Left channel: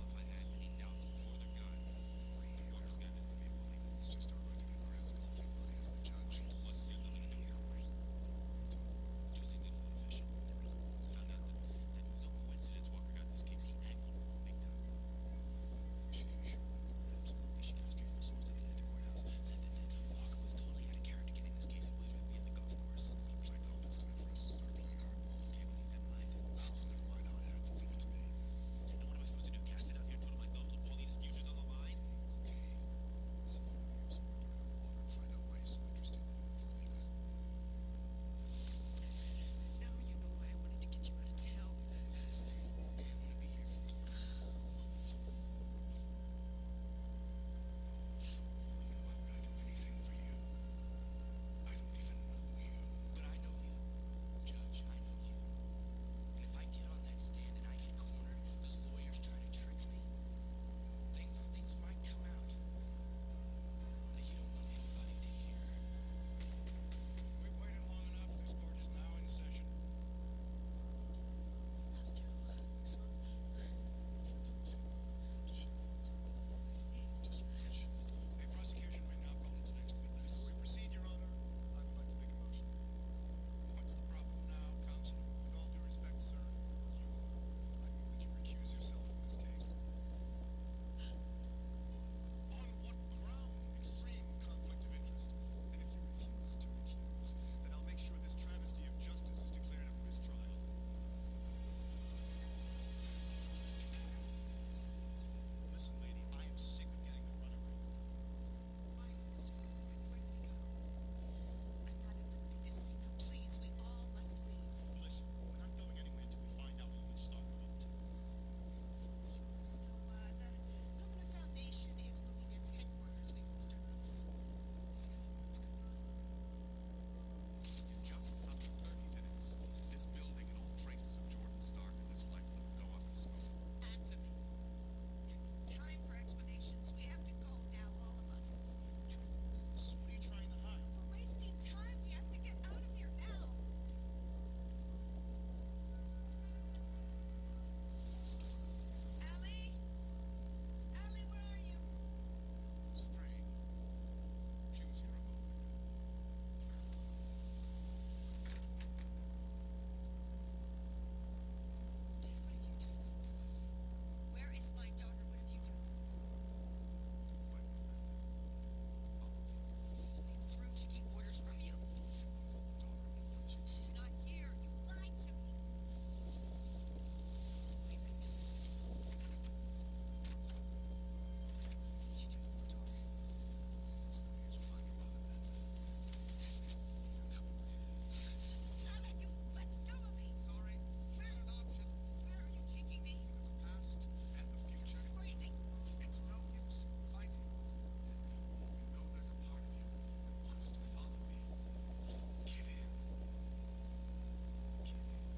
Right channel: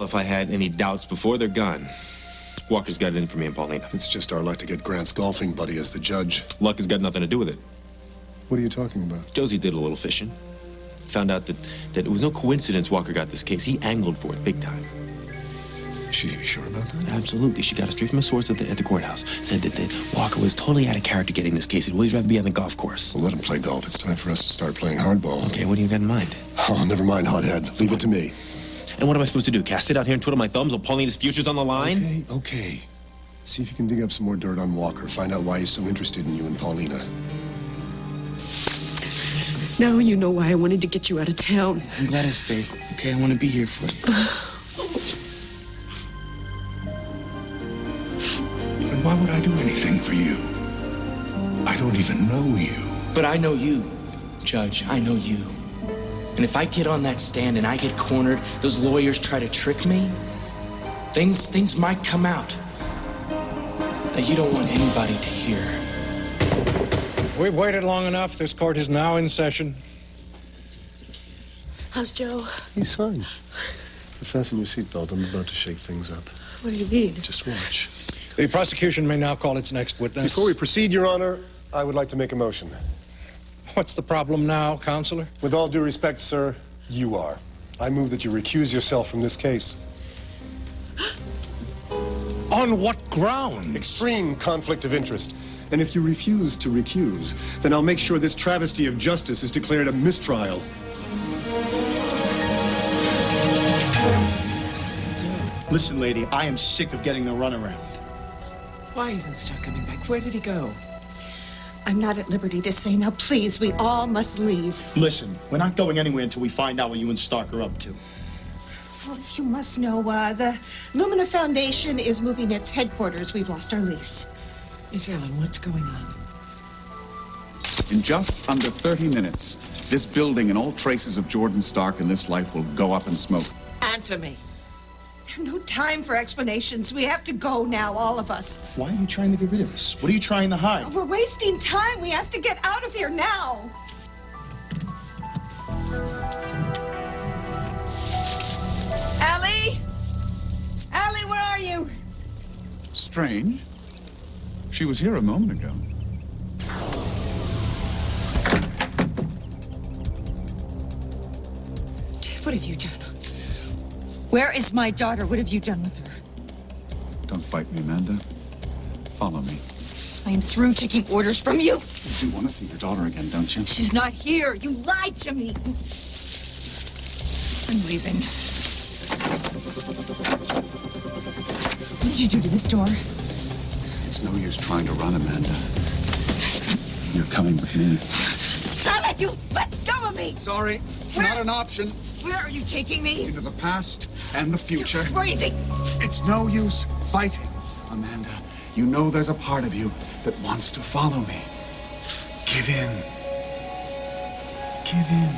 If I had any doubts before they're gone. Walker's got it in for me and Paulina. It's just our luck to get Grant's golfing buddy as the judge. Luck has got nothing to do with it. What are you talking about? Josie did a little fishing. Found out that it was no coincidence Walker got this case. He angled for it big time. Is she sure about that? Absolutely. She got it straight from a source at the courthouse. Said that Walker was totally out of character getting this case. He'd always rather be on the golf course. Well, let him play golf. It's time for us to start playing hardball. Okay, what do you got in mind? Oh, never mind, hothead. Leave it to me. And what am I supposed to do? Cast it out here and twiddle my thumbs while Paulina's future's on the line? Okay. See if you can dig up some more dirt on Walker. Find out why he's so interested in you and Paulina. Now you know why I wanted to get you out of town. I'm glad I stayed. Okay, I want to be here for you. And why would I do anything for you? I don't even know you. But I know you, Judge. I know you. And if I get on that stand and I get cornered, those lawyers try to trick me, things might come out that you don't want anybody to hear. We've waited long enough. This court is now in session. How's Joe? He's fine. Fasten your seatbelt. I'm about to shake things up. What do you need? Just watch. The prosecution may now call its next witness. Before we proceed, Your Honor, I would like to make a motion. What's the problem now, Counselor? With all due respect, sir, you are. I move that you recuse yourself from this case. On what ground? Extreme conflict of interest. And if you refuse to recuse, then I'll make sure this travesty of justice is declared a mistrial. Listen, lady, I am sick of getting the runaround. Why isn't Stark coming back? Where did he go? I'm not at liberty to say now. Please, we all must leave. Listen, we're not going anywhere until we find out what you and Stark are up to. Well, if you must know, the Lumina Foundation is moving its headquarters. We've lost our lease. Miss Ellen, what's going on? In just under 30 minutes, this building and all traces of Jordan Stark in this life will go up in smoke. Answer me. There's no time for explanations. We have to go now, all of us. Why are you trying to get rid of us? What are you trying to hide? We're wasting time. We have to get out of here now. Allie? Allie, where are you? Strange. She was here a moment ago. What have you done? Where is my daughter? What have you done with her? Don't fight me, Amanda. Follow me. I am through taking orders from you. You do want to see your daughter again, don't you? She's not here. You lied to me. I'm leaving. What did you do to this door? It's no use trying to run, Amanda. You're coming with me. Stop it! You let go of me! Sorry, not an option. Where are you taking me? Into the past and the future. You're crazy! It's no use fighting. Amanda, you know there's a part of you that wants to follow me. Give in. Give in.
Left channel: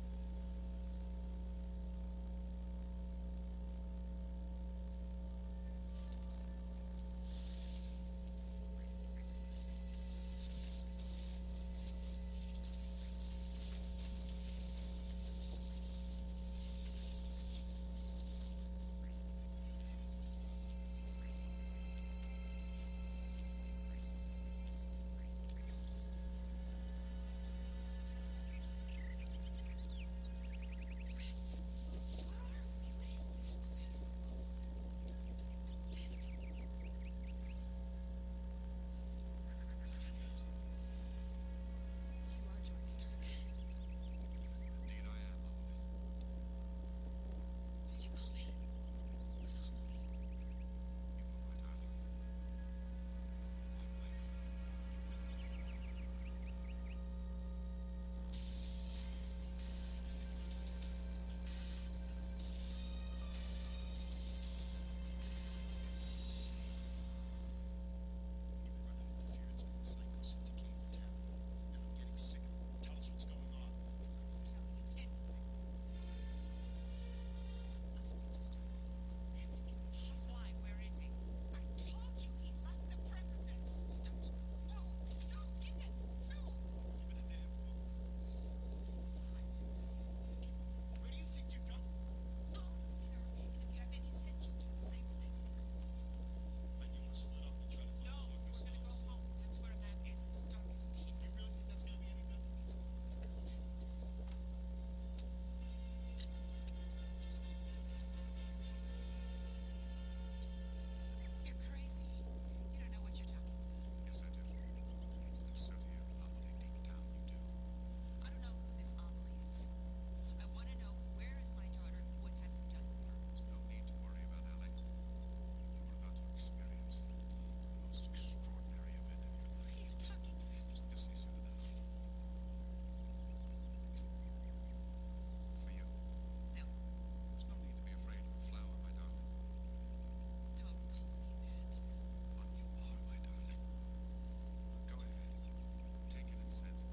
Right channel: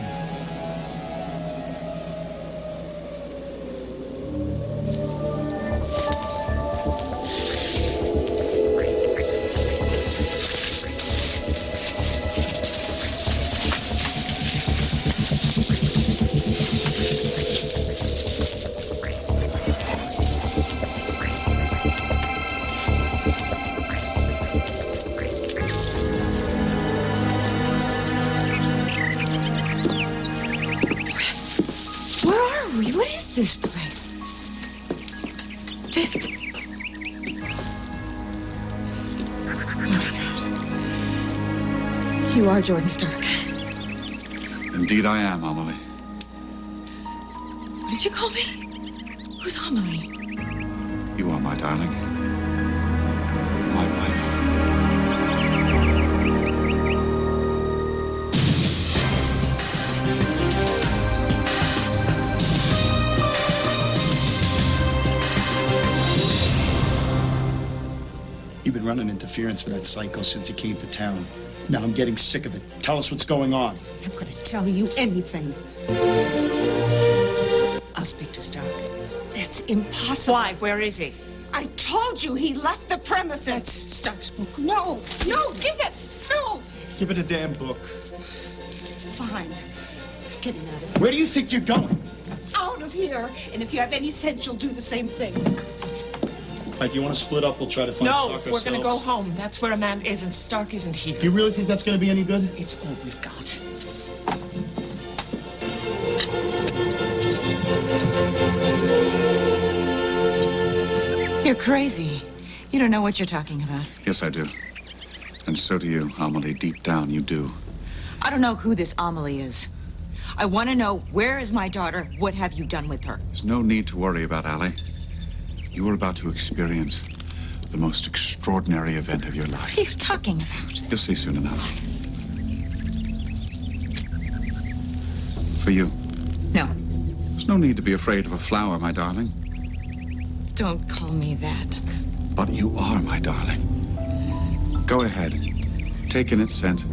What is this place? Oh my God. You are Jordan Stark. Indeed I am, Amelie. What did you call me? Who's Amelie? You are my darling. You're my wife. You've been running interference for that psycho since he came to town. Now I'm getting sick of it. Tell us what's going on. I'm going to tell you anything. I'll speak to Stark. That's impossible. Why? Where is he? I told you he left the premises. That's Stark's book. No, give it. No. Give it a damn book. Fine. Getting out of here. Where do you think you're going? out of here. And if you have any sense, you'll do the same thing. Mike, you want to split up? We'll try to find No, Stark we're gonna go ourselves. home. That's where Amanda is, and Stark isn't here. Do you really think that's going to be any good? It's all we've got. You're crazy. You don't know what you're talking about. Yes, I do. And so do you, Amelie. Deep down, you do. I don't know who this Amelie is. I want to know, where is my daughter? What have you done with her? There's no need to worry about Allie. You are about to experience the most extraordinary event of your life. What are you talking about? You'll see soon enough. For you. No, There's no need to be afraid of a flower, my darling. don't call me that. But you are, my darling. Go ahead. Take in its scent.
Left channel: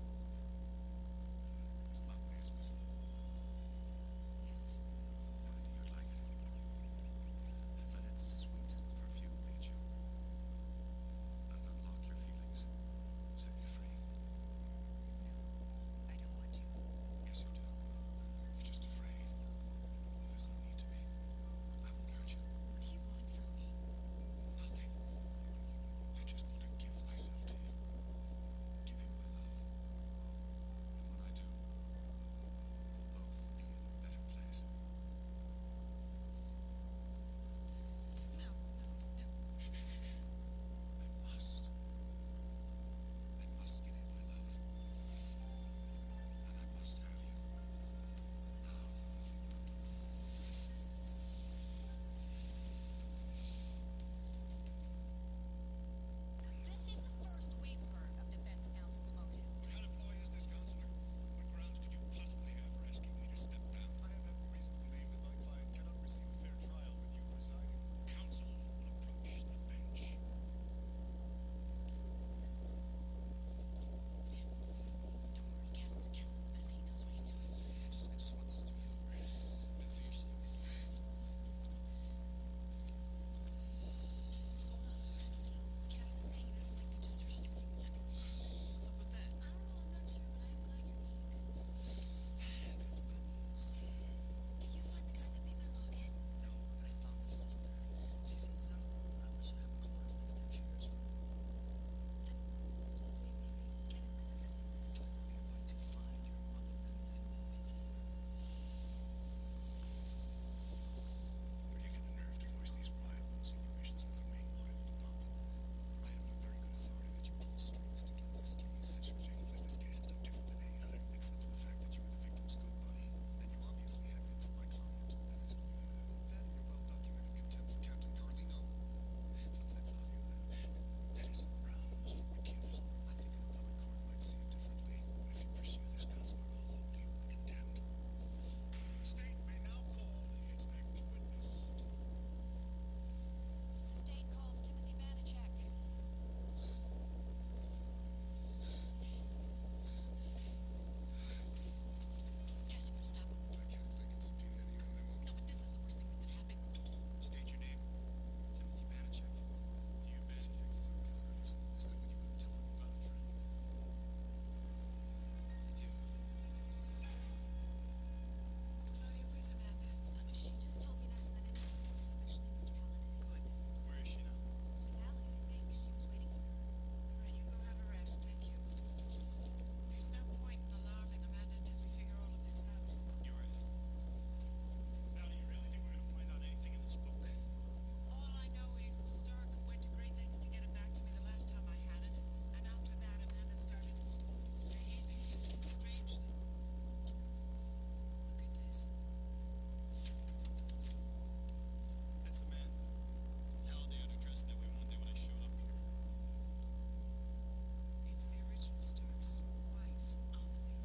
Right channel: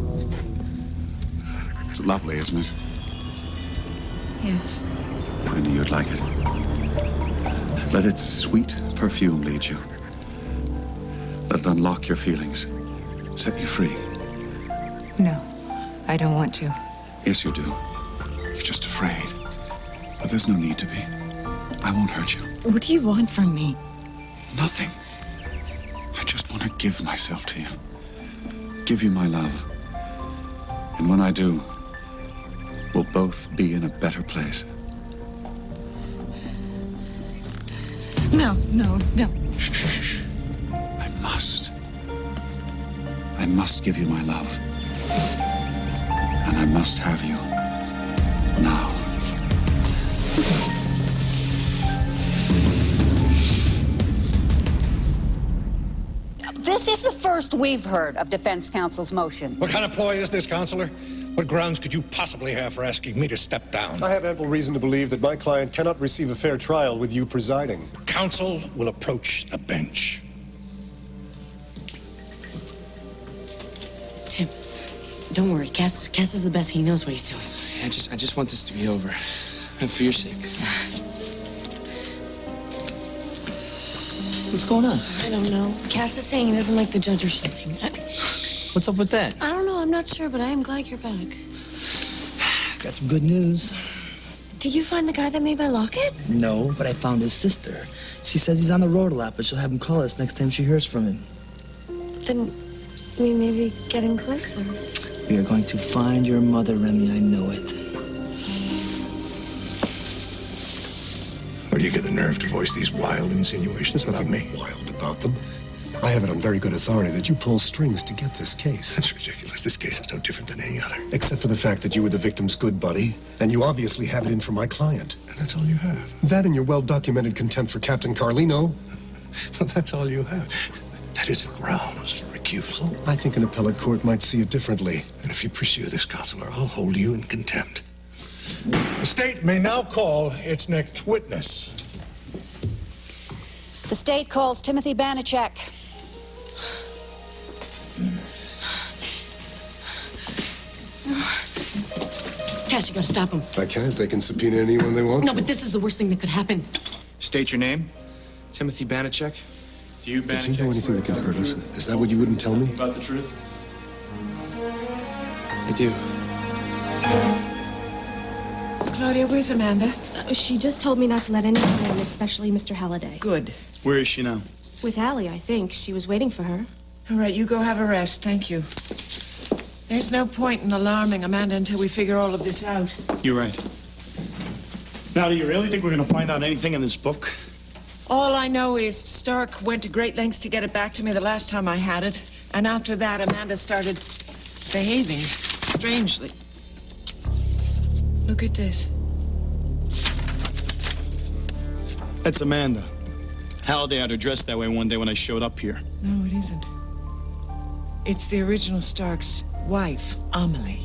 It's lovely, isn't it? Yes. I knew you'd like it. Let its sweet perfume lead you. Let it unlock your feelings. Set you free. No, I don't want to. Yes, you do. You're just afraid. But there's no need to be. I won't hurt you. What do you want from me? Nothing. I just want to give myself to you. Give you my love. And when I do, we'll both be in a better place. No, no, no. Shh, shh, shh. I must. I must give you my love. And I must have you. Now. This is the first we've heard of defense counsel's motion. What kind of ploy is this, Counselor? What grounds could you possibly have for asking me to step down? I have ample reason to believe that my client cannot receive a fair trial with you presiding. Counsel will approach the bench. Tim, don't worry. Cass is the best. He knows what he's doing. I just want this to be over. And for your sake. What's going on? I don't know. Cass is saying he doesn't like the judge or something. What's up with that? I don't know. I'm not sure, but I am glad you're back. Got some good news. Did you find the guy that made my locket? No, but I found his sister. She says he's on the road a lot, but she'll have him call us next time she hears from him. Then we may be getting closer. We are going to find your mother, Remy. I know it. Where do you get the nerve to voice these wild insinuations about me? Wild about them. I have it on very good authority that you pull strings to get this case. That's ridiculous. This case is no different than any other. Except for the fact that you were the victim's good buddy, and you obviously have it in for my client. And that's all you have. That and your well-documented contempt for Captain Carlino. Well, that's all you have. That isn't grounds for recusal. I think an appellate court might see it differently. And if you pursue this, Counselor, I'll hold you in contempt. The state may now call its next witness. The state calls Timothy Banachek. Cass, you gotta stop him. I can't. They can subpoena anyone they want No, to. but this is the worst thing that could happen. State your name. Timothy Banachek. Do you, Does he know anything that can hurt us? Is that what you wouldn't tell me? About the truth? I do. Claudia, where's Amanda? She just told me not to let anyone in, especially Mr. Halliday. Good. Where is she now? With Allie, I think. She was waiting for her. All right, you go have a rest. Thank you. There's no point in alarming Amanda until we figure all of this out. You're right. Now, do you really think we're going to find out anything in this book? All I know is Stark went to great lengths to get it back to me the last time I had it. And after that, Amanda started behaving strangely. Look at this. That's Amanda. Halliday had her dressed that way one day when I showed up here. No, it isn't. It's the original Stark's wife, Amelie.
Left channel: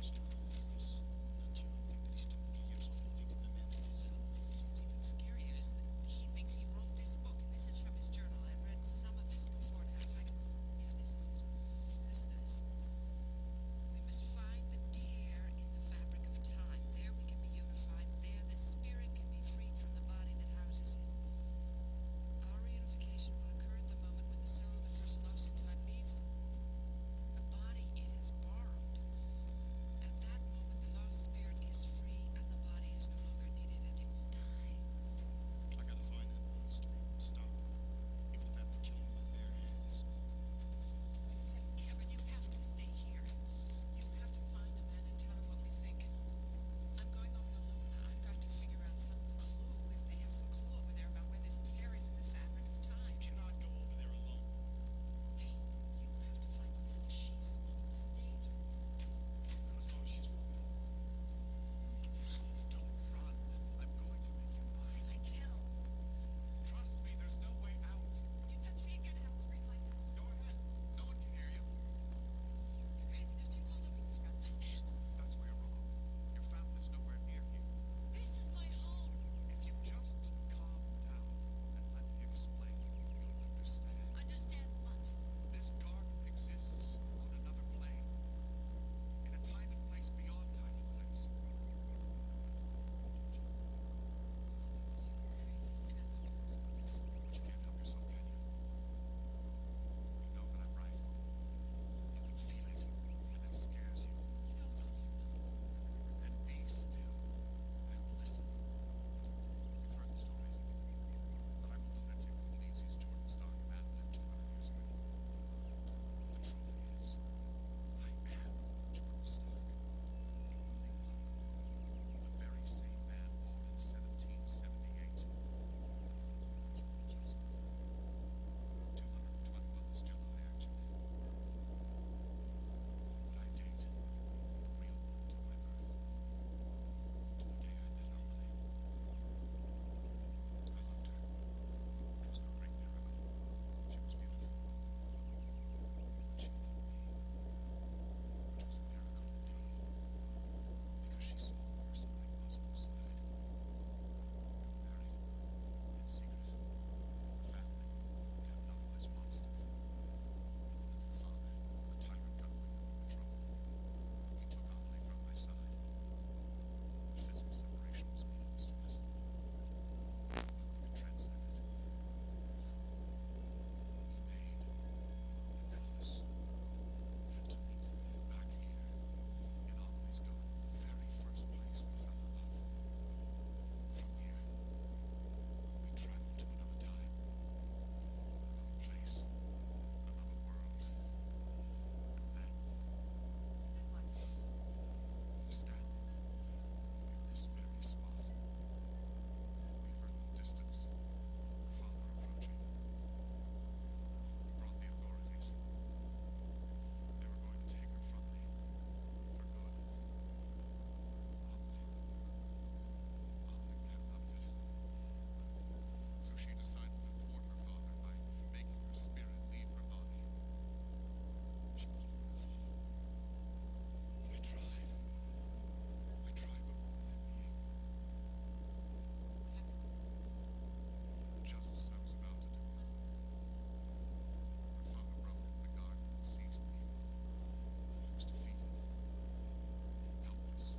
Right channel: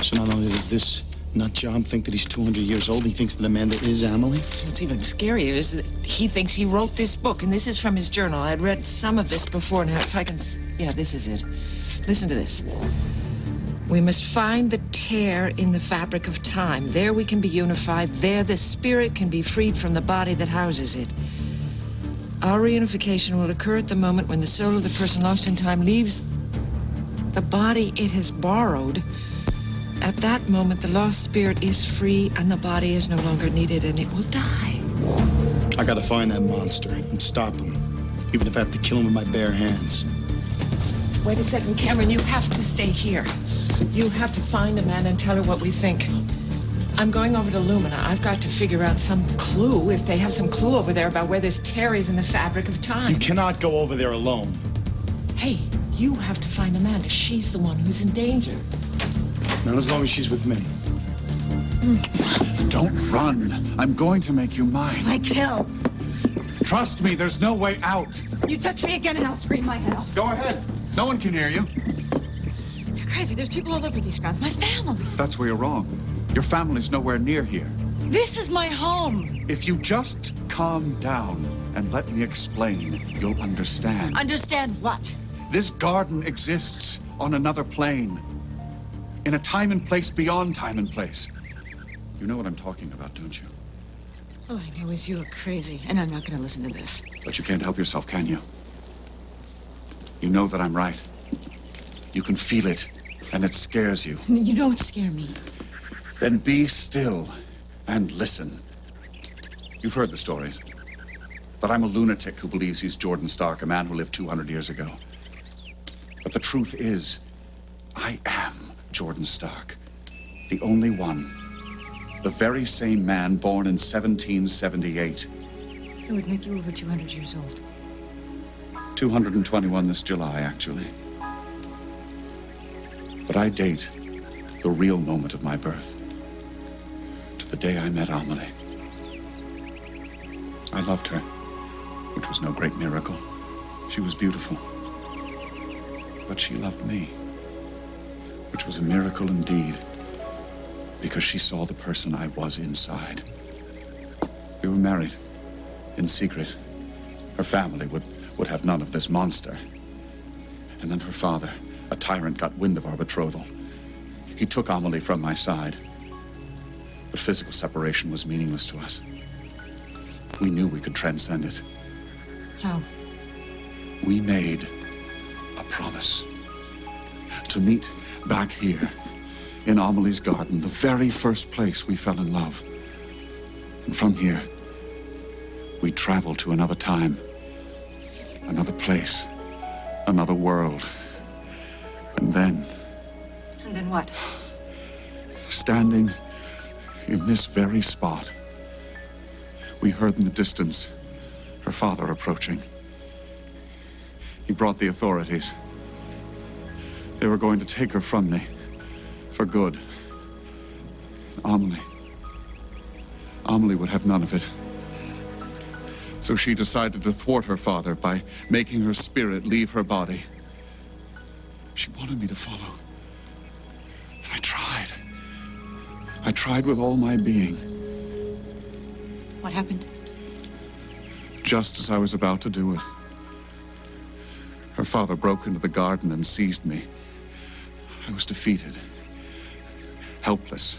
So not only does this nut job think that he's 200 years old, he thinks that Amanda is Amelie? What's even scarier is that he thinks he wrote this book, and this is from his journal. I'd read some of this before, and if I can... Yeah, this is it. Listen to this. We must find the tear in the fabric of time. There we can be unified. There the spirit can be freed from the body that houses it. Our reunification will occur at the moment when the soul of the person lost in time leaves the body it has borrowed At that moment, the lost spirit is free and the body is no longer needed and it will die. I gotta find that monster and stop him, even if I have to kill him with my bare hands. Wait a second, Cameron, you have to stay here. You have to find Amanda and tell her what we think. I'm going over to Lumina. I've got to figure out some clue, if they have some clue over there about where this tear is in the fabric of time. You cannot go over there alone. Hey, you have to find Amanda. She's the one who's in danger. Not as long as she's with me. Don't run. I'm going to make you mine. My kill. Trust me, there's no way out. You touch me again and I'll scream my head off. Go ahead. No one can hear you. You're crazy. There's people all over these grounds. My family. That's where you're wrong. Your family's nowhere near here. This is my home. If you just calm down and let me explain, you'll understand. Understand what? This garden exists on another plane. In a time and place beyond time and place. You know what I'm talking about, don't you? All I know is you're crazy, and I'm not going to listen to this. But you can't help yourself, can you? You know that I'm right. You can feel it, and it scares you. You don't scare me. Then be still and listen. You've heard the stories. That I'm a lunatic who believes he's Jordan Stark, a man who lived 200 years ago. But the truth is, I am Jordan Stark. The only one. The very same man born in 1778. It would make you over 200 years old. 221 this July, actually. But I date the real moment of my birth. To the day I met Amelie. I loved her, which was no great miracle. She was beautiful. But she loved me, which was a miracle indeed, because she saw the person I was inside. We were married, in secret. Her family would have none of this monster. And then her father, a tyrant, got wind of our betrothal. He took Amelie from my side. But physical separation was meaningless to us. We knew we could transcend it. How? We made a promise to meet back here in Amelie's garden, the very first place we fell in love. And from here, we travel to another time, another place, another world. And then... And then what? Standing in this very spot, we heard in the distance her father approaching. He brought the authorities. They were going to take her from me for good. Amelie would have none of it. So she decided to thwart her father by making her spirit leave her body. She wanted me to follow. And I tried. I tried with all my being. What happened? Just as I was about to do it, her father broke into the garden and seized me. I was defeated, helpless.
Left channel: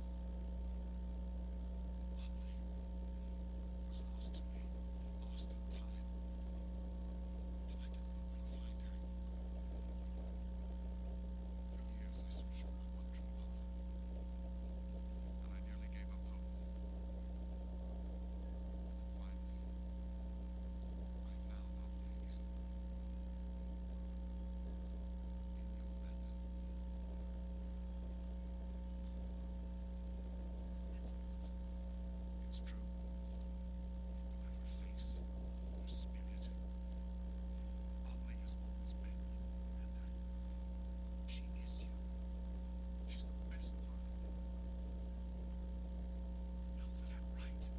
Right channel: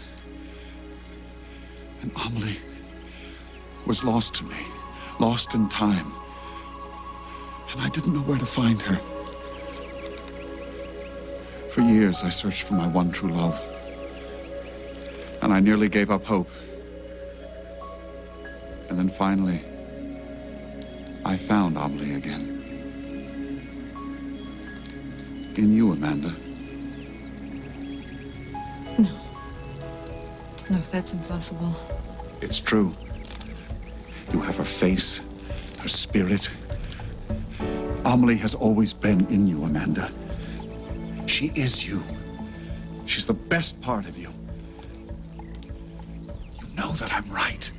And Amelie was lost to me, lost in time. And I didn't know where to find her. For years, I searched for my one true love. And I nearly gave up hope. And then finally, I found Amelie again. In you, Amanda. No, that's impossible. It's true. You have her face, her spirit. Amelie has always been in you, Amanda. She is you. She's the best part of you. You know that I'm right.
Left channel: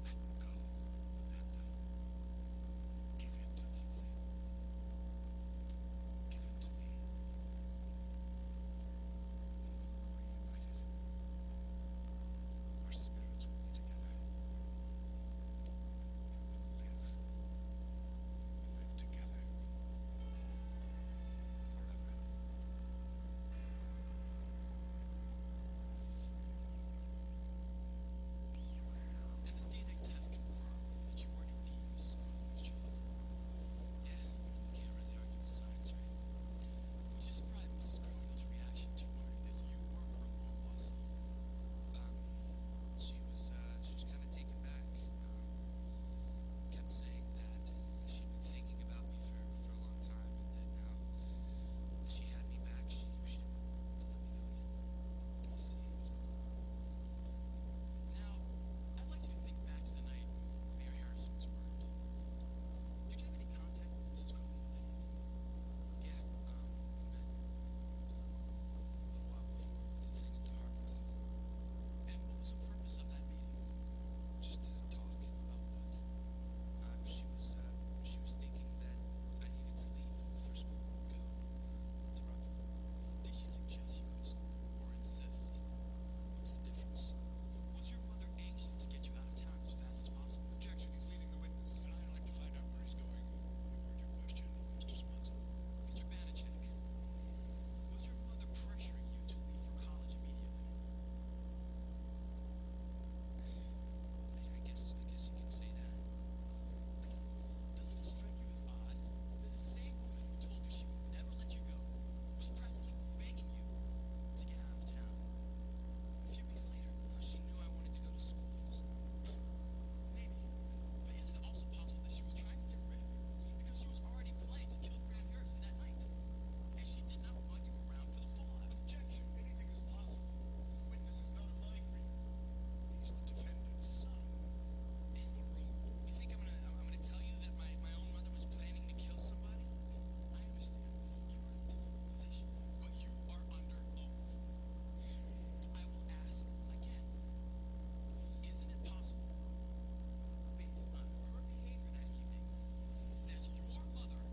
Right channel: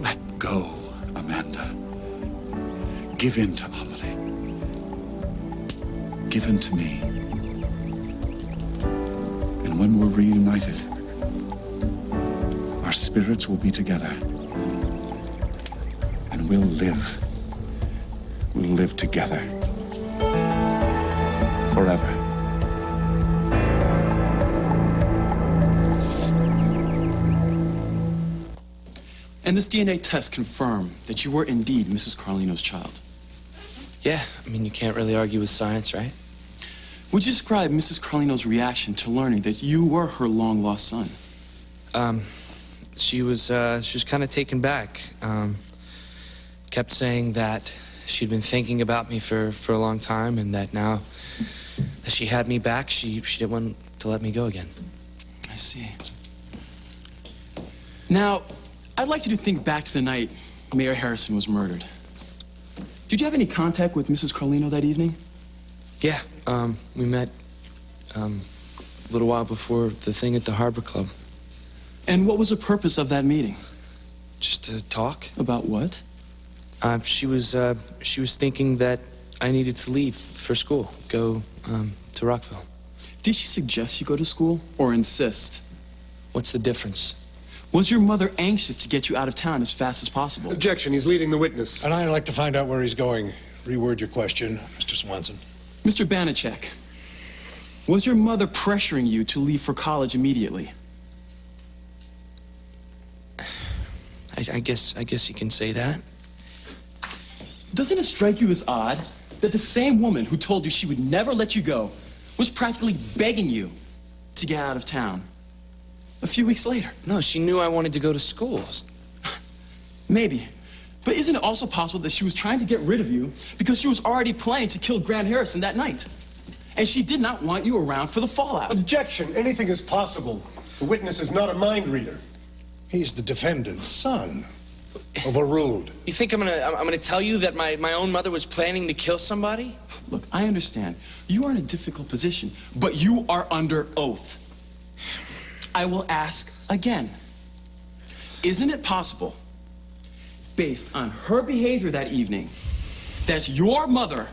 Let go, Amanda. Give in to Amelie. Give in to me. And when we're reunited, our spirits will be together. And we'll live. We'll live together. Forever. And this DNA test confirmed that you were indeed Mrs. Carlino's child. Yeah, I mean, you can't really argue with science, right? Would you describe Mrs. Carlino's reaction to learning that you were her long-lost son? She was kind of taken back. Kept saying that she'd been thinking about me for a long time, and that now that she had me back, she didn't want to let me go again. I see. Now, I'd like you to think back to the night Mayor Harrison was murdered. Did you have any contact with Mrs. Carlino that evening? Yeah, we met a little while before the thing at the Harbor Club. And what was the purpose of that meeting? Just to talk. About what? She was thinking that I needed to leave for school, go to Rockville. Did she suggest you go to school or insist? What's the difference? Was your mother anxious to get you out of town as fast as possible? Objection. He's leading the witness. And I'd like to find out where he's going. Reword your question, Mr. Swanson. Mr. Banachek, was your mother pressuring you to leave for college immediately? I guess you can say that. Doesn't it strike you as odd that the same woman who told you she would never let you go was practically begging you to get out of town a few weeks later? No, she knew I wanted to go to school. Maybe. But isn't it also possible that she was trying to get rid of you because she was already planning to kill Grant Harrison that night? And she did not want you around for the fallout. Objection. Anything is possible. The witness is not a mind reader. He's the defendant's son. Overruled. You think I'm gonna tell you that my own mother was planning to kill somebody? Look, I understand. You are in a difficult position, but you are under oath. I will ask again. Isn't it possible, based on her behavior that evening, that your mother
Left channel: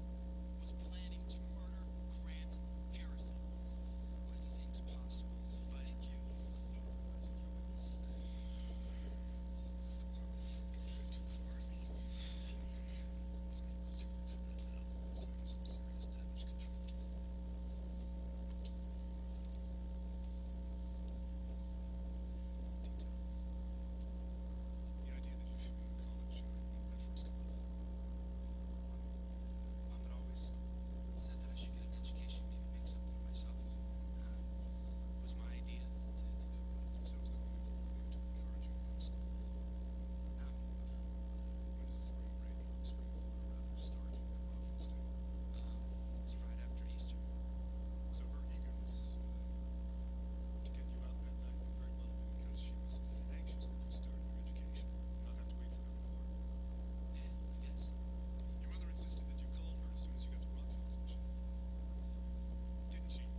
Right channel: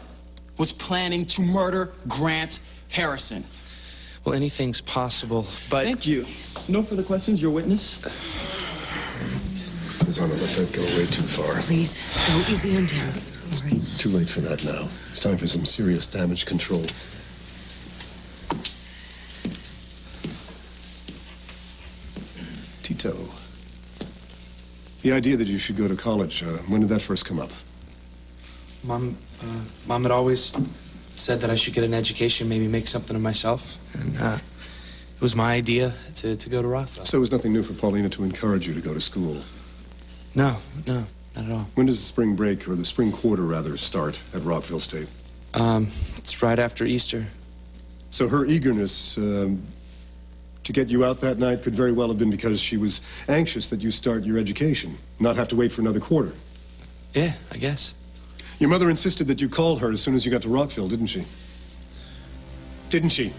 was planning to murder Grant Harrison? Well, anything's possible, but... Thank you. No further questions, your witness? His Honor, let that go way too far. Please, go easy on him. All right. Too late for that now. It's time for some serious damage control. Tito. The idea that you should go to college, when did that first come up? Mom had always said that I should get an education, maybe make something of myself. And it was my idea to go to Rockville. So it was nothing new for Paulina to encourage you to go to school? No, not at all. When does the spring break, or the spring quarter, rather, start at Rockville State? It's right after Easter. So her eagerness to get you out that night could very well have been because she was anxious that you start your education, not have to wait for another quarter. Yeah, I guess. Your mother insisted that you call her as soon as you got to Rockville, didn't she? Didn't she?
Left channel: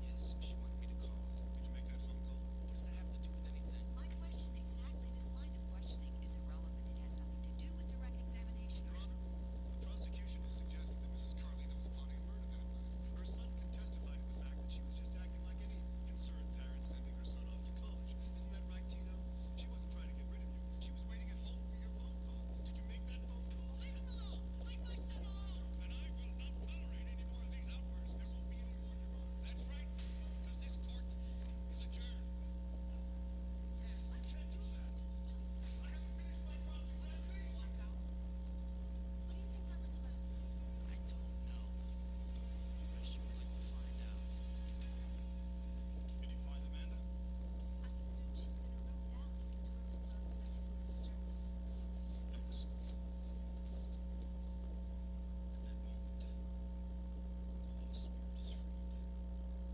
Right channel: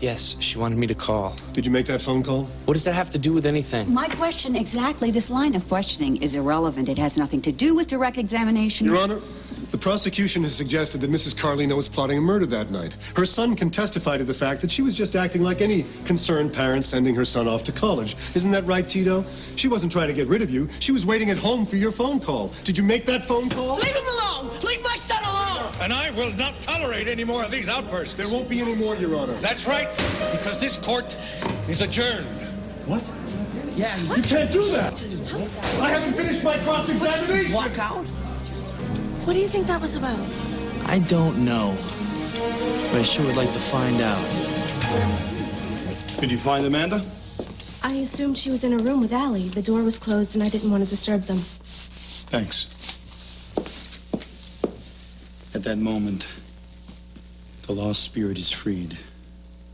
Yes, she wanted me to call. Did you make that phone call? What does that have to do with anything? My question exactly, this line of questioning is irrelevant. It has nothing to do with direct examination. Your Honor, the prosecution has suggested that Mrs. Carlino was plotting a murder that night. Her son can testify to the fact that she was just acting like any concerned parent sending her son off to college. Isn't that right, Tito? She wasn't trying to get rid of you. She was waiting at home for your phone call. Did you make that phone call? Leave him alone! Leave my son alone! And I will not tolerate any more of these outbursts. There won't be any more, Your Honor. That's right, because this court is adjourned. What? Yeah, You can't do that! I haven't finished my cross-examination! Walk out? What do you think that was about? I don't know, but I sure would like to find out. Did you find Amanda? I assumed she was in her room with Allie. The door was closed and I didn't want to disturb them. Thanks. At that moment, the lost spirit is freed.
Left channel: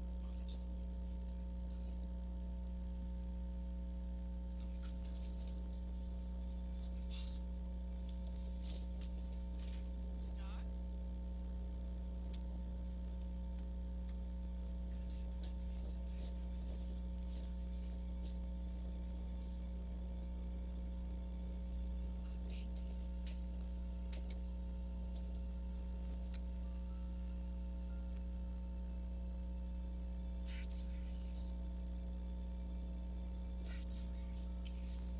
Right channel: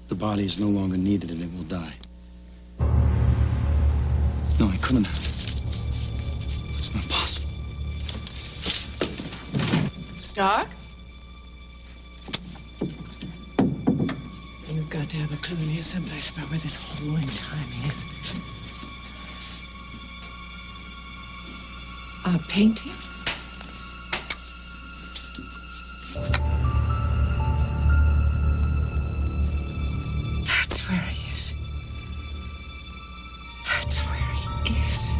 The body is no longer needed and it will die. No, I couldn't. It's not possible. Stark? You've got to have a clue in here someplace about where this hole in time is. A painting? That's where he is. That's where he is.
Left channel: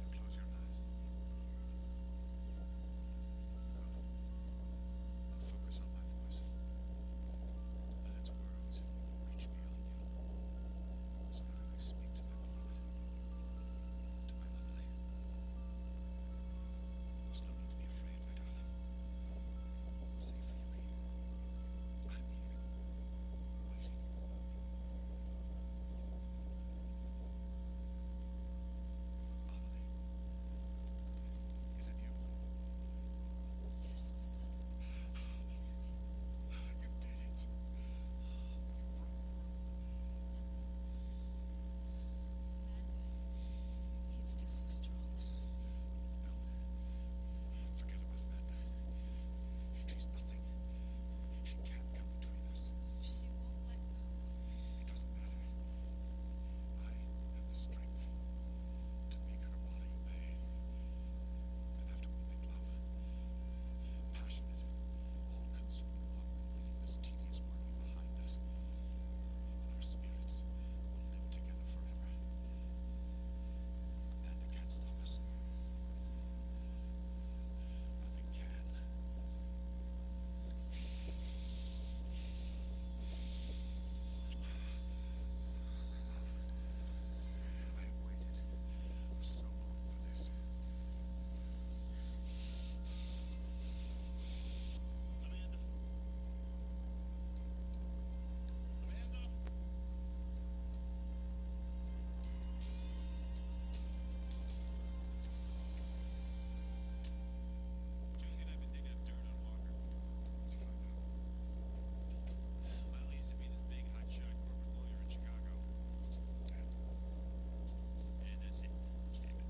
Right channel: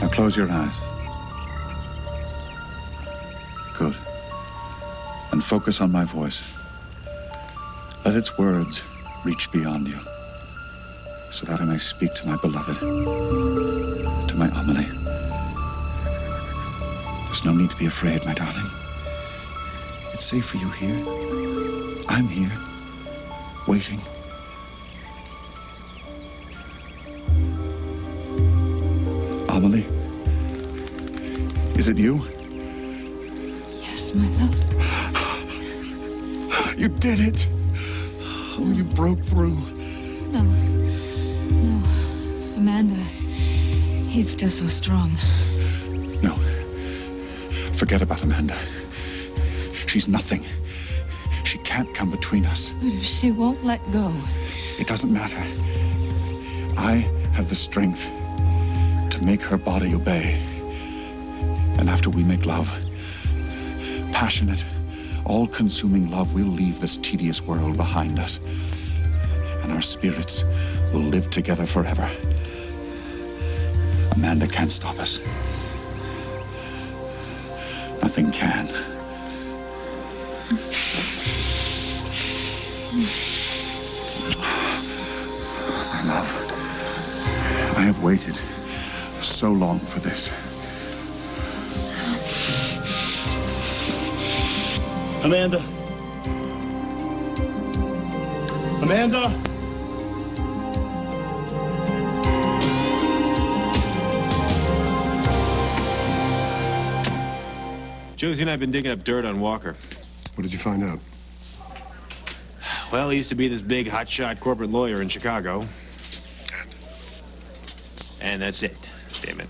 Now close your eyes. Good. And focus on my voice. Let its words reach beyond you, so that I may speak to my beloved, to my Amelie. There's no need to be afraid, my darling. It's safe for you here. I'm here, waiting. Amelie? Is it you? Yes, my love. You did it! Oh, you broke through. No. Amanda, he's still so strong. No. Forget about Amanda. She's nothing. She can't come between us. But if she won't let go. It doesn't matter. I have the strength to make her body obey. And after we make love, passionate, all-consuming love, we'll leave this tedious world behind us. And our spirits will live together forever. Amanda can't stop us. Nothing can. My love, I have waited so long for this. Amanda? Amanda? Josie and I have been digging up dirt on Walker. What did you find out? Well, he used to be this big, hotshot corporate lawyer in Chicago. And that's it. Damn it.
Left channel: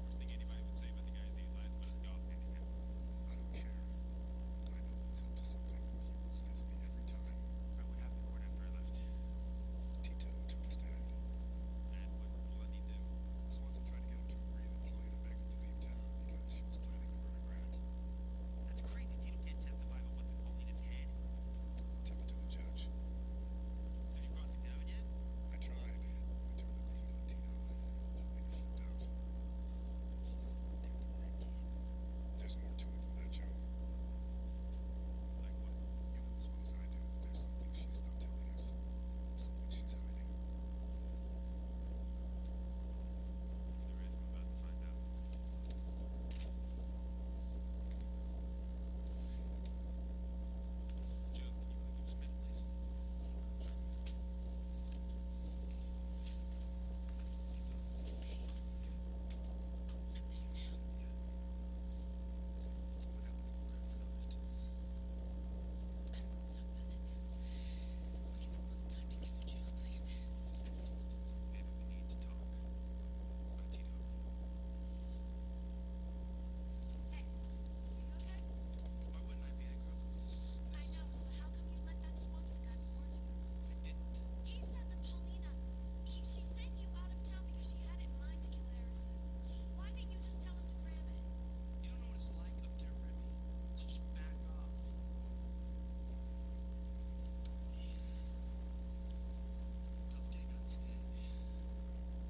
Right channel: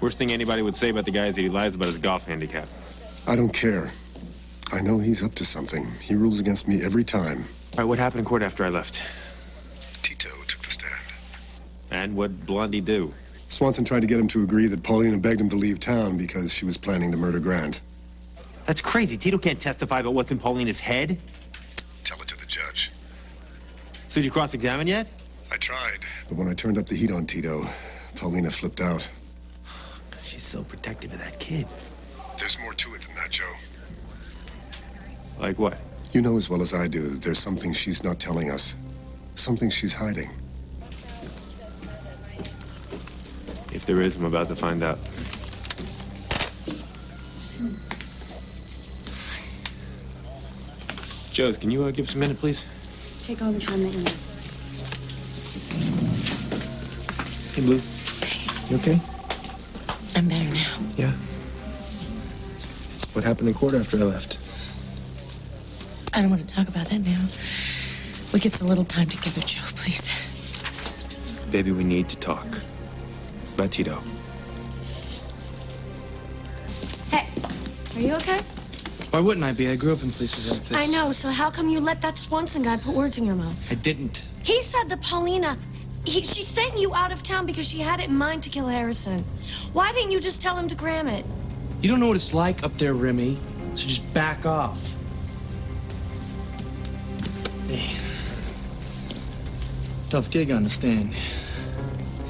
Worst thing anybody would say about the guy is that he lies about his golf handicap. I don't care. I know he's up to something. He rules against me every time. All right, what happened in court after I left? Tito took the stand. And what'd Blondie do? Swanson tried to get him to agree that Paulina begged him to leave town because she was planning to murder Grant. That's crazy. Tito can't testify about what's in Paulina's head. Tell it to the judge. So did you cross-examine yet? I tried. But when I turned up the heat on Tito, Paulina flipped out. She's so protective of that kid. There's more to it than that, Joe. Like what? You know as well as I do that there's something she's not telling us. Something she's hiding. If there is, I'm about to find out. Joes, can you give us a minute, please? Take all the time that you need. Hey, Blue. You okay? I'm better now. Yeah. What happened in court after I left? I don't want to talk about that now. We get a little time together, Joe, please. Baby, we need to talk. About Tito. Hey, are you okay? Why wouldn't I be? I grew up in places like this. I know, so how come you let that Swanson guy put words in your mouth? I didn't. He said that Paulina, she sent you out of town because she had it in mind to kill Harrison. Why didn't you just tell him to gram it? You don't know what it's like up there, Remy, so just back off. Hey. Tough gig on the stand.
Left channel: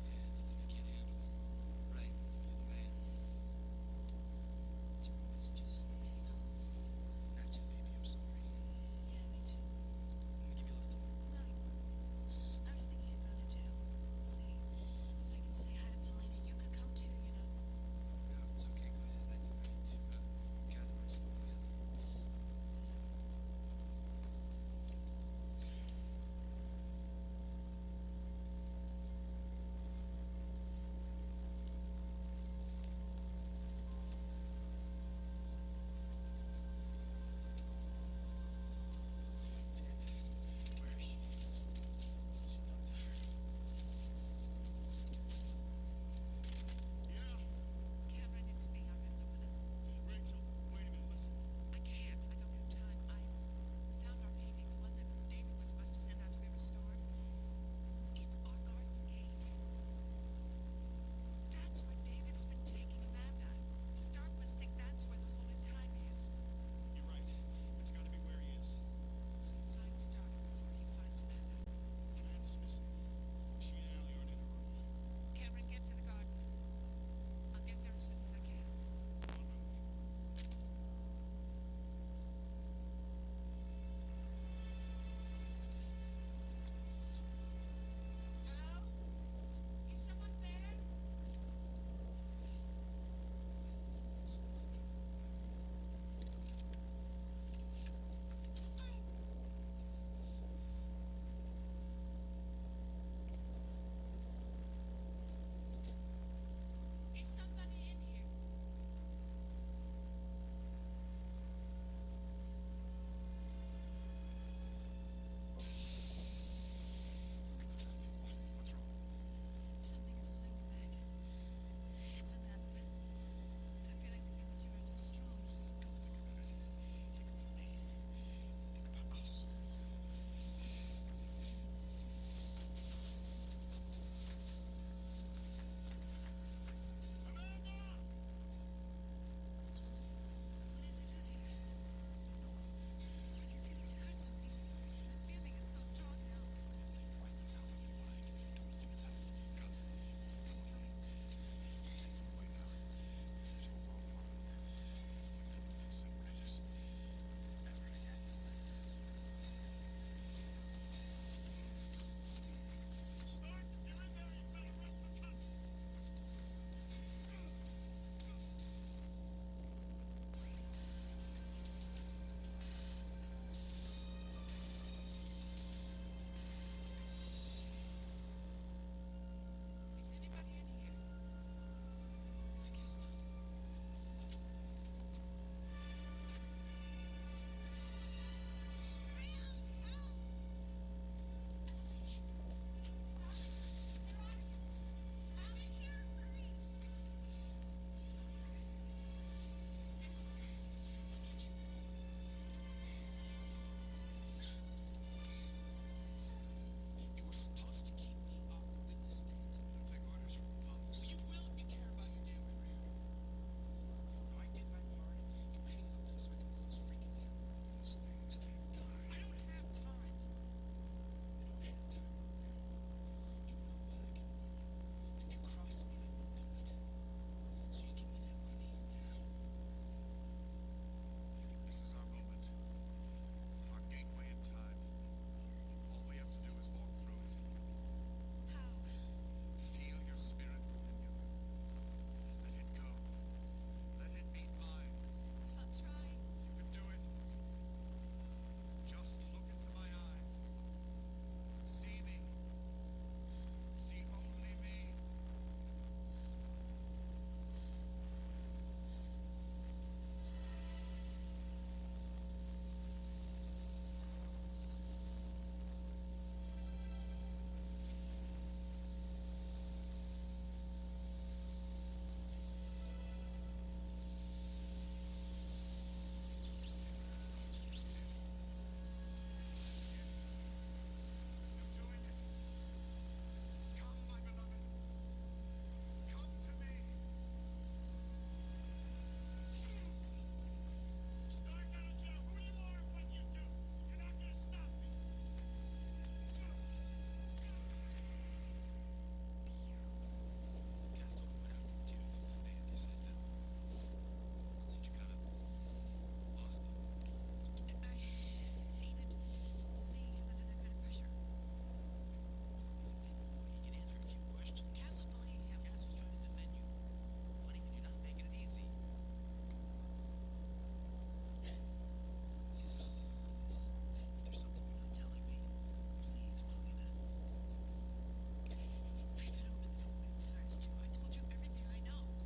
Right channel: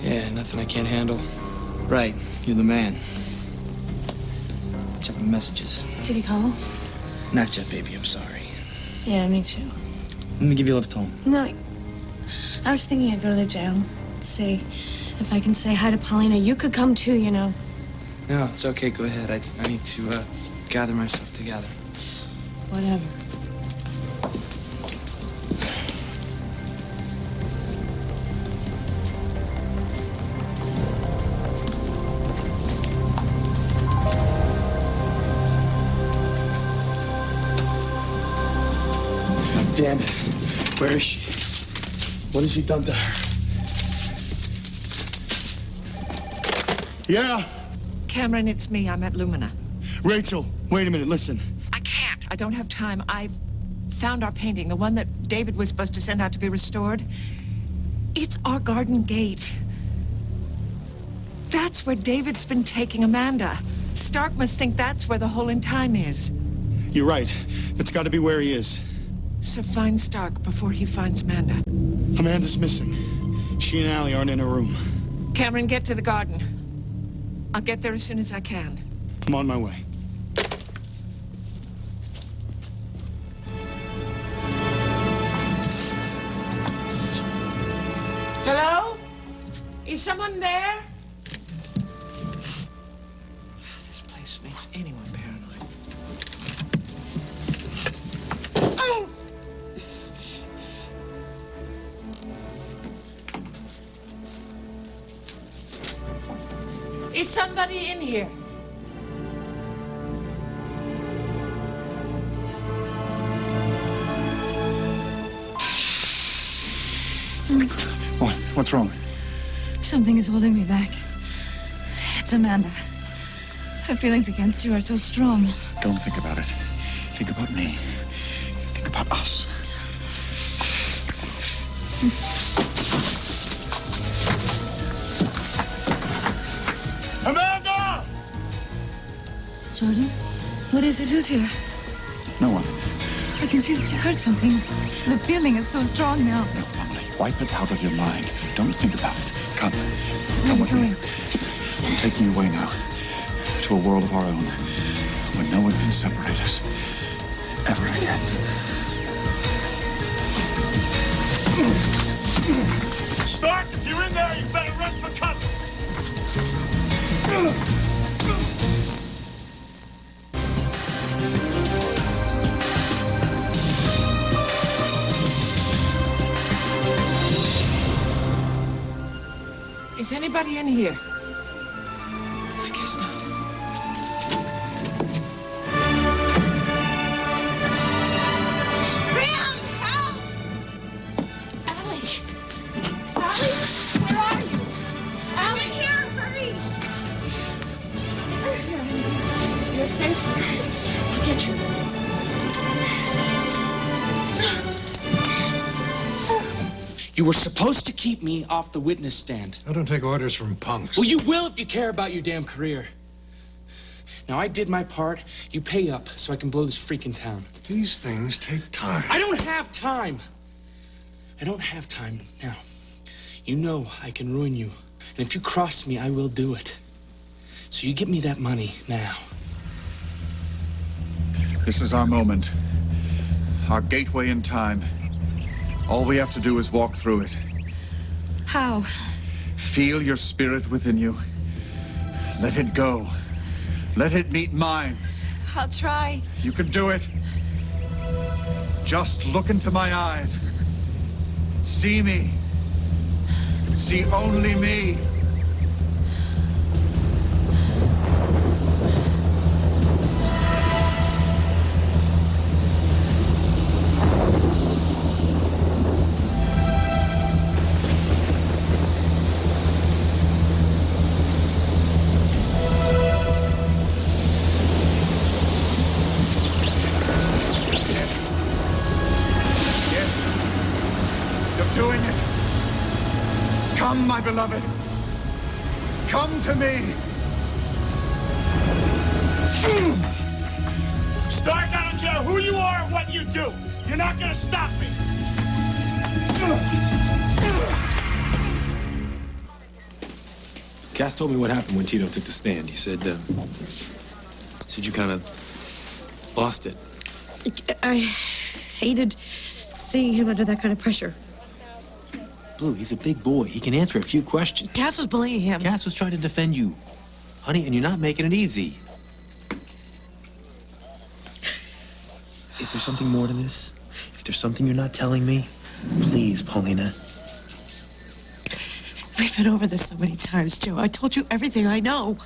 Yeah, nothing I can't handle. Right, you're the man. Check my messages. Did he call? Not yet, baby, I'm sorry. Yeah, me too. Let me give you a lift home. No, I was thinking I'd go to the jail, see if I can say hi to Paulina. You could come too, you know. No, it's okay, go ahead. I need to gather myself together. Whatever. Dan, where is she? What has she done to her? Yeah? Cameron, it's me. I'm at Lumina. Rachel, wait a minute, listen. I can't. I don't have time. I've found our painting, the one that David was supposed to send out to be restored. It's our garden gate. That's where David's been taking Amanda. Stark must think that's where the hole in time is. You're right. That's got to be where he is. So find Stark before he finds Amanda. Amanda's missing. She and Allie aren't in her room. Cameron, get to the garden. I'll get there as soon as I can. I'm on my way. Hello? Is someone there? This place makes anyone paranoid. Is somebody in here? What? What's wrong? Something is holding me back. It's Amanda. Her feelings against you are so strong. Don't think about it. Think about me. Think about us. Amanda! Jordan, what is it? Who's here? No one. I can see that you heard something. The feeling is so strong now. No, Emily. Wipe it out of your mind. Don't think about it. Come. Come with me. I'm taking you away now. To a world of our own. Where no one can separate us. Ever again. Stark, if you're in there, you better run for cover. Is anybody in here? I guess not. Graham, help! Allie! Allie, where are you? I'm in here, hurry! You're safe. I'll get you. You were supposed to keep me off the witness stand. I don't take orders from punks. Well, you will if you care about your damn career. Now, I did my part. You pay up so I can blow this freaking town. These things take time. I don't have time. I don't have time now. You know I can ruin you. And if you cross me, I will do it. So you get me that money now. This is our moment. Our gateway in time. All we have to do is walk through it. How? Feel your spirit within you. Let it go. Let it meet mine. I'll try. You can do it. Just look into my eyes. See me. See only me. Doing it. Come, my beloved. Come to me. Stark, I don't care who you are or what you do. You're not gonna stop me. Cass told me what happened when Tito took the stand. He said you kind of lost it. I hated seeing him under that kind of pressure. Blue, he's a big boy. He can answer a few questions. Cass was bullying him. Cass was trying to defend you, honey, and you're not making it easy. If there's something more to this, if there's something you're not telling me, please, Paulina. We've been over this so many times, Joe. I told you everything I know.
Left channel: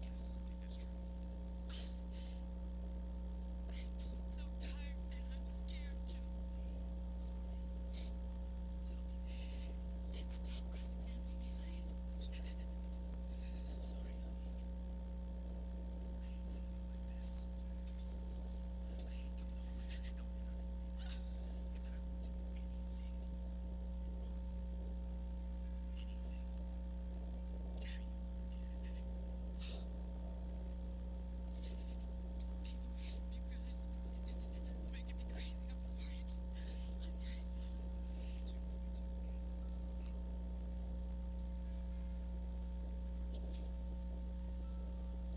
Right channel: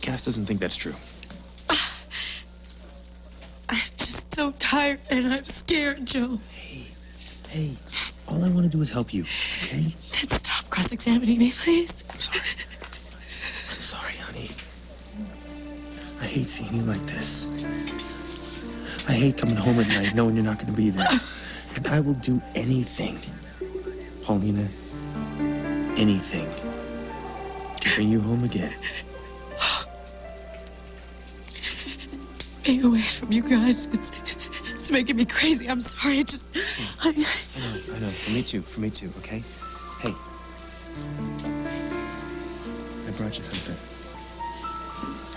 Cass doesn't think that's true. I'm just so tired and I'm scared, Joe. Hey, all I want to do is help you, okay? Then stop cross-examining me, please. I'm sorry. I'm sorry, honey. I hate seeing you like this. I hate coming home at night knowing you're not going to be there. And I will do anything, Paulina, anything to bring you home again. Being away from you guys, it's making me crazy. I'm sorry. I know. For me too, okay? Hey. I brought you something.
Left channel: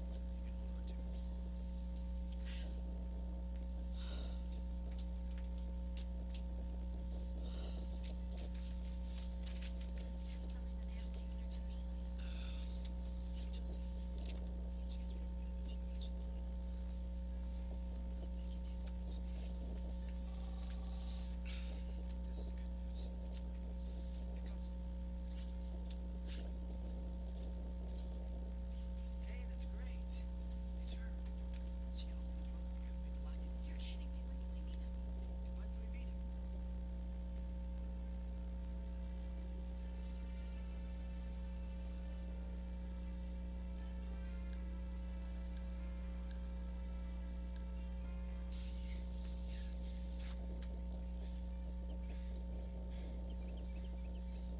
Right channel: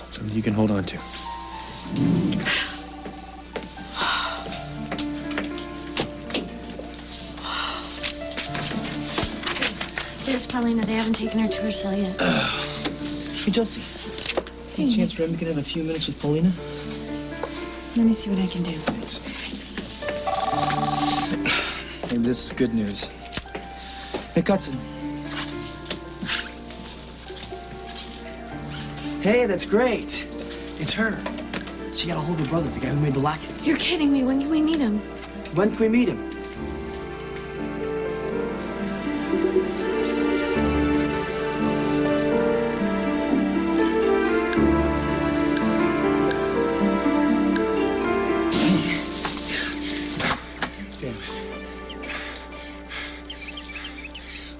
Something you can hold on to. There's Paulina. They haven't taken her to her cell yet. Hey, Josie. Any chance Remy can have a few minutes with Paulina? Let me see what I can do. Hey, this is good news. Hey, Cutson. Hey, that's great. It's her. She got a hold of her brother, the guy who made the locket. You're kidding me. When can we meet him? When can we meet him?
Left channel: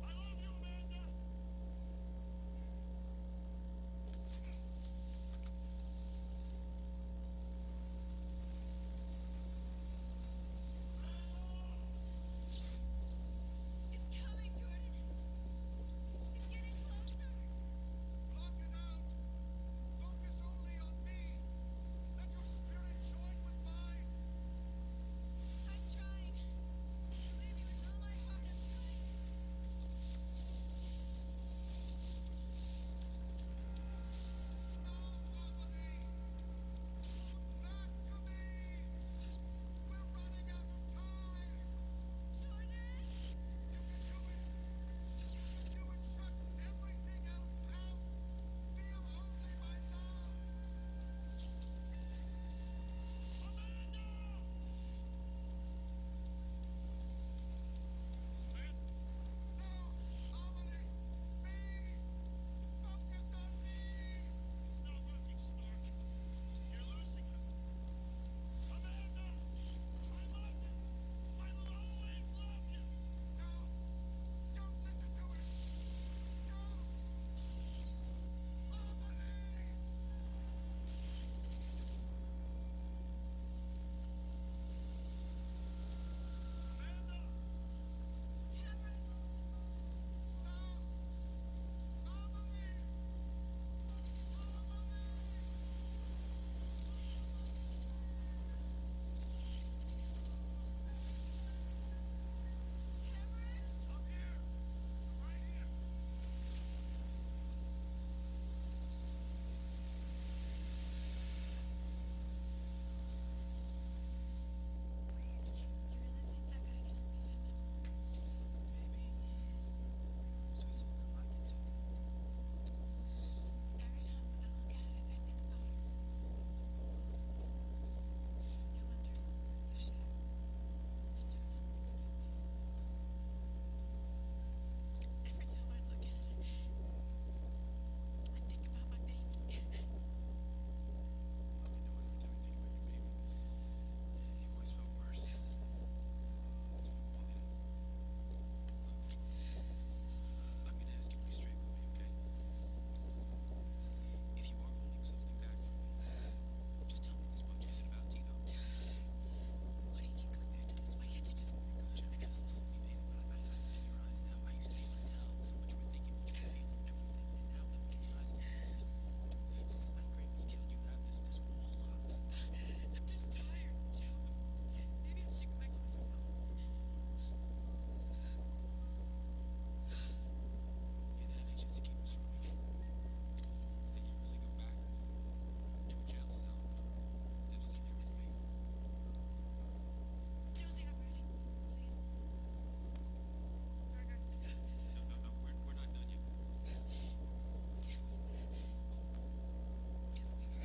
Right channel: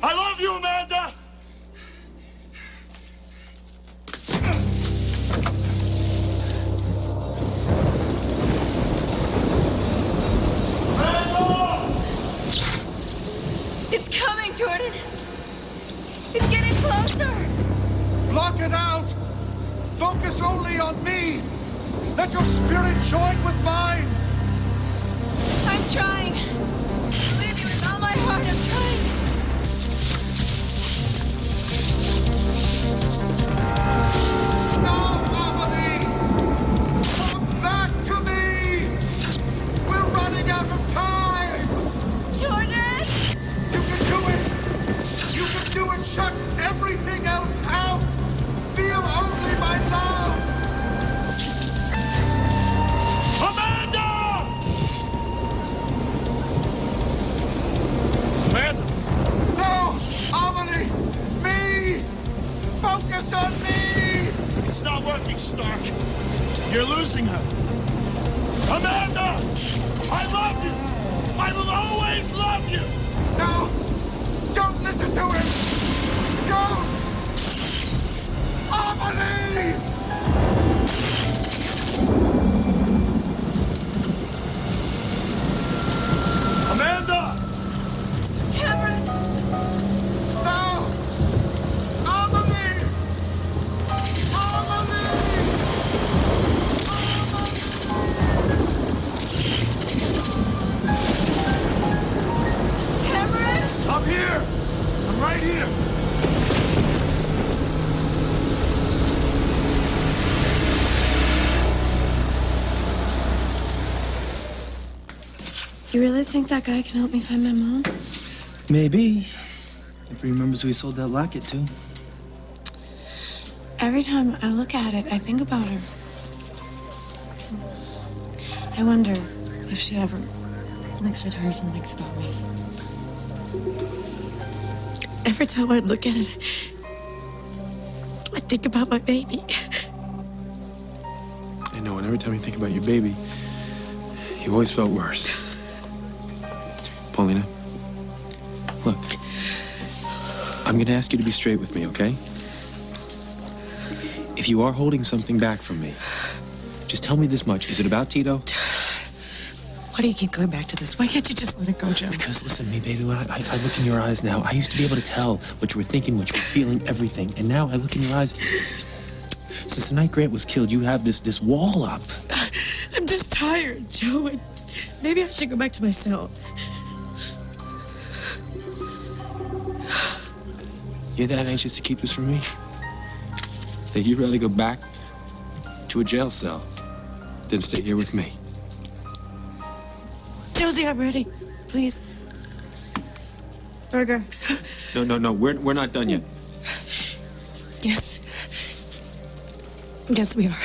I love you, Amanda! It's coming, Jordan. It's getting closer. Block it out! Focus only on me! Let your spirit join with mine! I'm trying. Believe me with all my heart, I'm trying. No, Amelie! Come back to me! We're running out of time! Jordan! You can do it! You can do it! Shut everything else out! Feel only my love! Amanda! Amanda! No! Amelie! Me! Focus on me! It's not working, Stark. You're losing her. Amanda! I love you! I will always love you! No! Don't listen to him! Don't! Amelie! Amanda! Cameron! No! Amelie! Amelie! Cameron! I'm here! I'm right here! You really think that guy can help me find my mom? Maybe. If he remembers who he sold that locket to. Every time I look at it, I think about her. So, I wonder if she ever looks at hers and thinks about me. Every time I look at it, I think about my baby. I know, and every time you think about your baby, you always felt worse. Paulina, look, I'm gonna ask you to be straight with me, okay? If you are holding something back from me, just tell me this much. Is it about Tito? Why do you keep going back to this? Why can't you just let it go, Joe? Because listen to me, baby, when I look in your eyes now, I used to be able to tell what you were thinking, what you were feeling, everything. And now I look in your eyes. Since the night Grant was killed, you have this wall up. I'm just tired, Joe. Maybe I should go back to my cell. You're that anxious to keep this from me? That you'd rather go back to a jail cell than stay here with me? Josie, I'm ready. Please. Burger. No, we're not done yet. Yes. Yes, we are.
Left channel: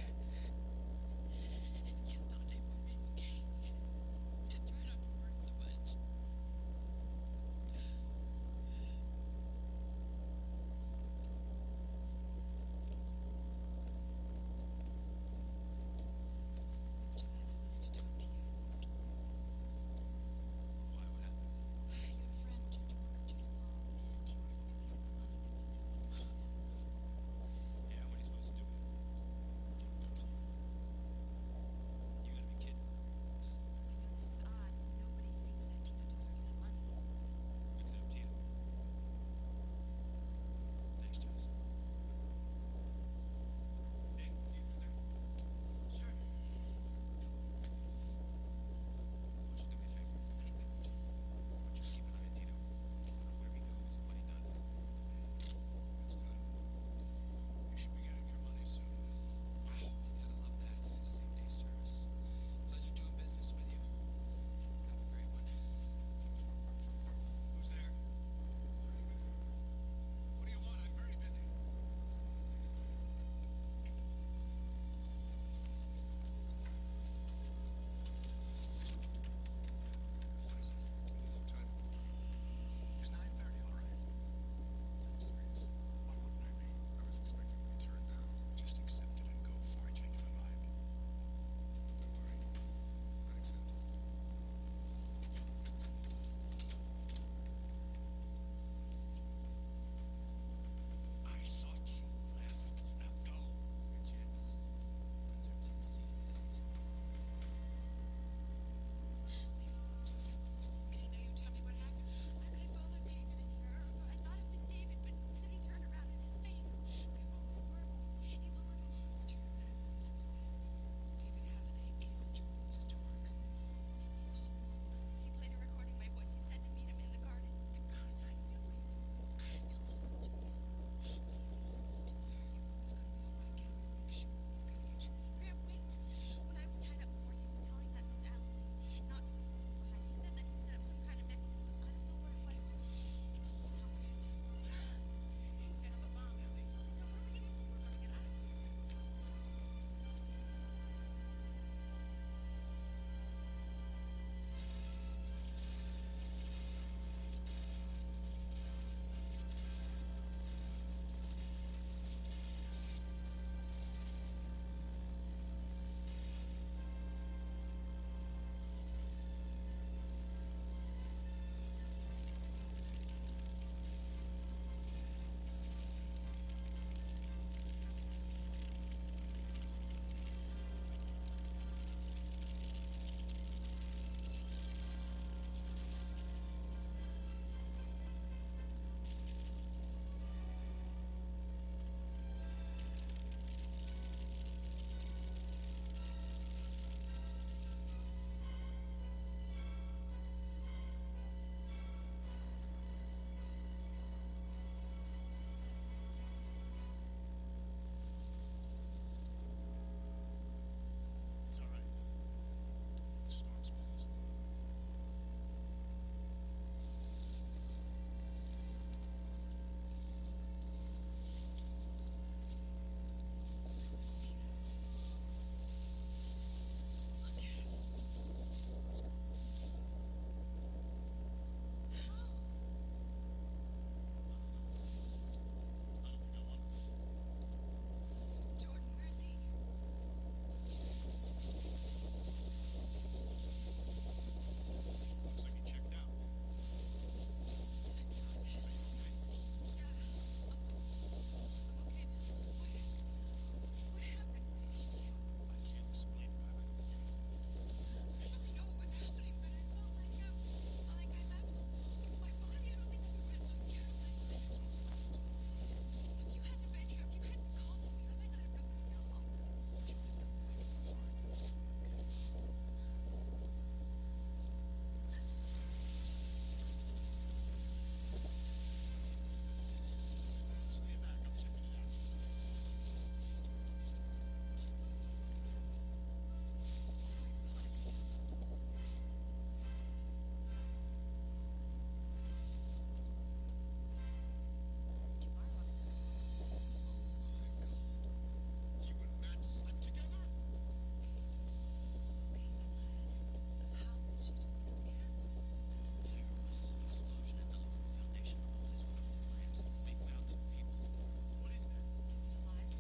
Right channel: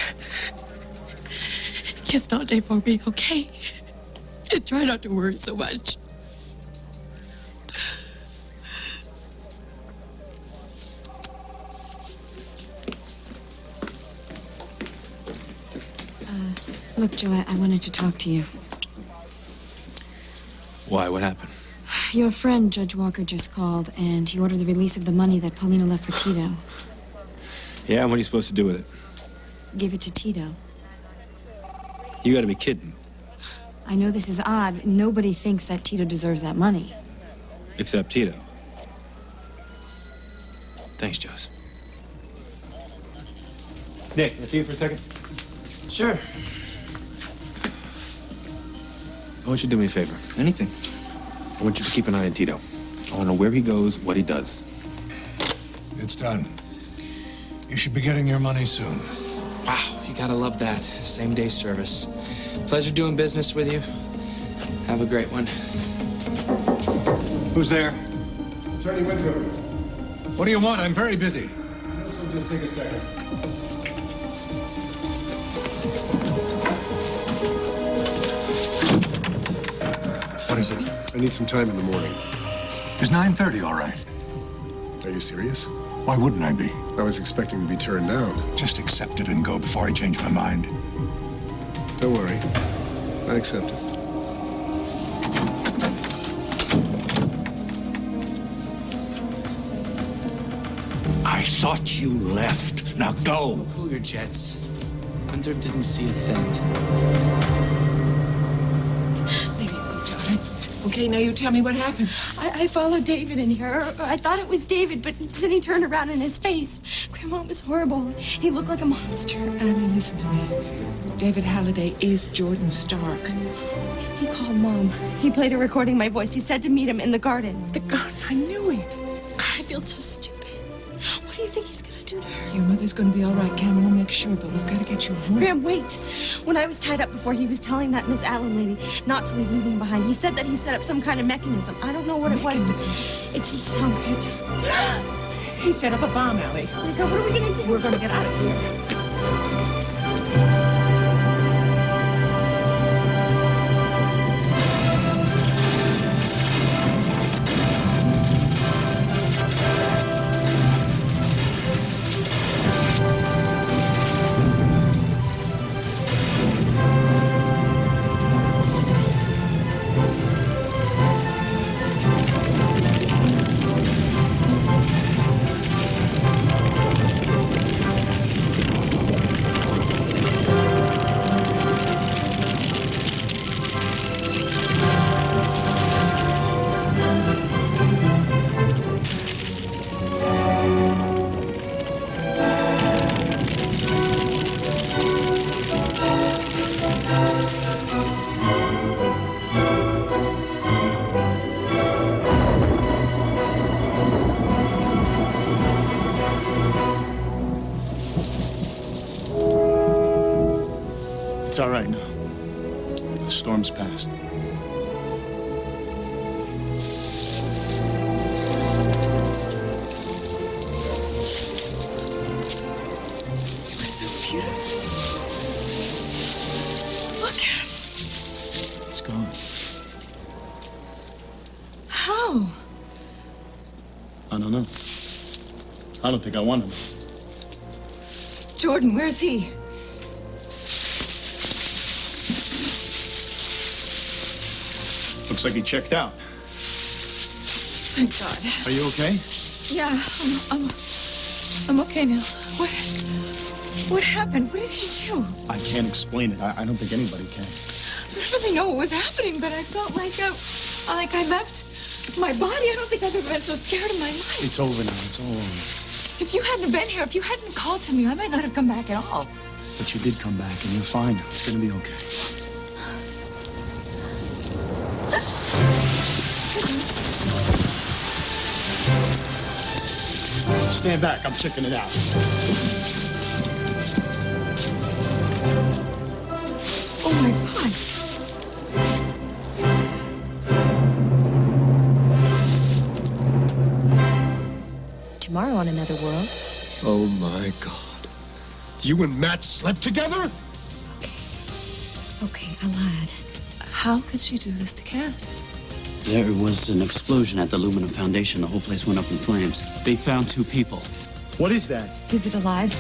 Kiss Dante for me, okay? And try not to worry so much. Look, Joe, I wanted to talk to you. Why? What happened? Your friend, Judge Walker, just called, and he ordered the release of the money that Paulina left for Tito. Yeah, and what are you supposed to do with it? Give it to Tito. You gotta be kidding. I know this is odd. Nobody thinks that Tito deserves that money. Except Tito. Thanks, Joss. Nick, can I see you for a second? Sure. I want you to do me a favor. Anything. I want you to keep an eye on Tito. I want to know where he goes, what he does. It's done. You should be getting your money soon. Wow, you gotta love that. Same day service. Pleasure doing business with you. Have a great one. Who's there? Attorney Winthrop. What do you want? I'm very busy. Some just take a second. What is it? I need some time in the morning. Is 9:30 all right? Are you serious? Why wouldn't I be? I was expecting to be turned down. Just accept it and go before I change my mind. Don't worry. I accept it. I thought you left. Now go. Cool your jets. Hunter didn't see a thing. There you go, darling. Okay, now you tell me what happened. I followed David in here. Or I thought it was David, but then he turned around and his face. Grandma, it was horrible. He looked like a monster. Annie, listen to me. David Halliday is Jordan Stark. He called Mom. He played a recording of my voice. He said to meet him in the garden. The garden, I knew it. God, I feel so stupid. What do you think he's gonna do to her? Your mother's gonna be all right, Cameron. We'll make sure, but we've got to get you home. Graham, wait. When I was tied up before, he was telling that Miss Allen lady not to leave anything behind. He said that he set up some kind of mechanism. I don't know what it was, but it didn't sound good. He set up a bomb, Allie. Oh my God, what are we gonna do? We're gonna get out of here. It's all right now. The storm's passed. It was so beautiful. Look at it. It's gone. How? I don't know. I don't think I want him. Jordan, where's he? Looks like he checked out. Thank God. Are you okay? Yeah, I'm okay now. What happened? What did he do? I can't explain it. I don't think anybody can. I don't really know what was happening, but I felt like I left my body. I don't think I've ever been so scared in my life. It's over now. It's all over. If you hadn't been here, if you hadn't called to me, I might not have come back at all. But you did come back, and you're fine now. It's gonna be okay. Stand back. I'm checking it out. Oh my God. Tomorrow on Another World. Oh my God. You and Matt slept together? Okay, I lied. How could she do this to Cass? There was an explosion at the Aluminum Foundation. The whole place went up in flames. They found 2 people. What is that? Is it alive?